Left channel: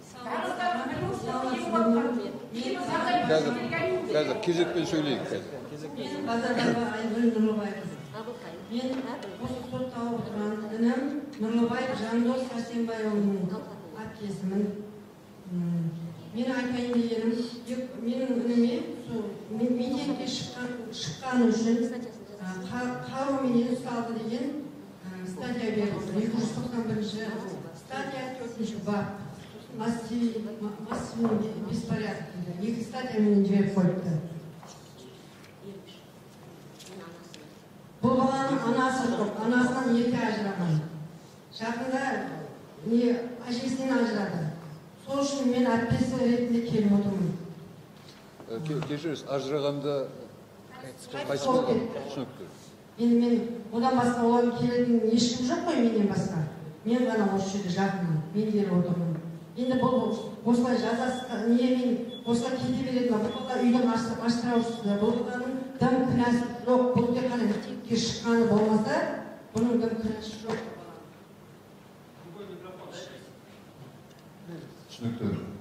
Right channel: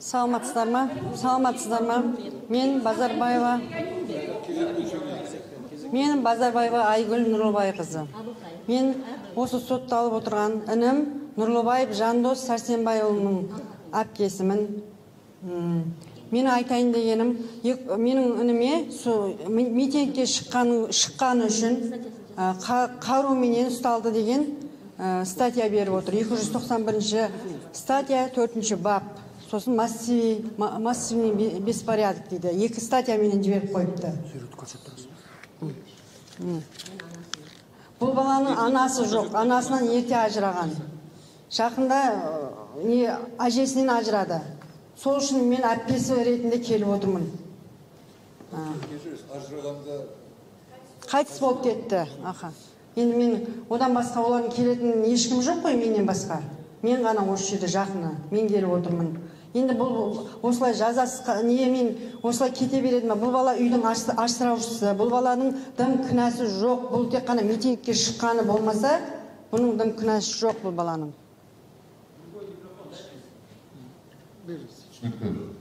Саламатсыздар ма? Мен Базарбаева. Кезекпен söyleyeyim. Мен Базарбаева Айгүл Нұрлыбай қызы. Мен осы сотталып отырған інім Нұрлыбаев Жандос Сәрсенбайұлының әпкесімін. Мен айтайын дегенім, менің ініме митингке шыққаны үшін қаруменен ұсталды деген статья беріп отыр. 291 статья 4 бап. Сосын массивный беспорядок дейді. Екі статья менен жіберіп қойыпты. Бұл баланың анасы жоқ, анасынан ерте ажыраған. Жақында әжесінен ажырады. Сол үшін мен әпкесі ретінде келіп отырмын. Кешіріңіз, ажырағанда Қайтыс болып кетті. Енді мен одан басқа олардың келетін ешкім жоқ қой менен басқа. Мен ғана осы жерде жақыны, мен келіп отырмын. Енді бұл осылай жазасыз, мен осылай кете береді ме? Бұл бала үйдің асыраушысы, бұл баланың дым кінәсі жоқ, бұл тек қана митингке шыққаны болмаса, бұның дым кінәсі жоқ бұл баланың. түсінікті.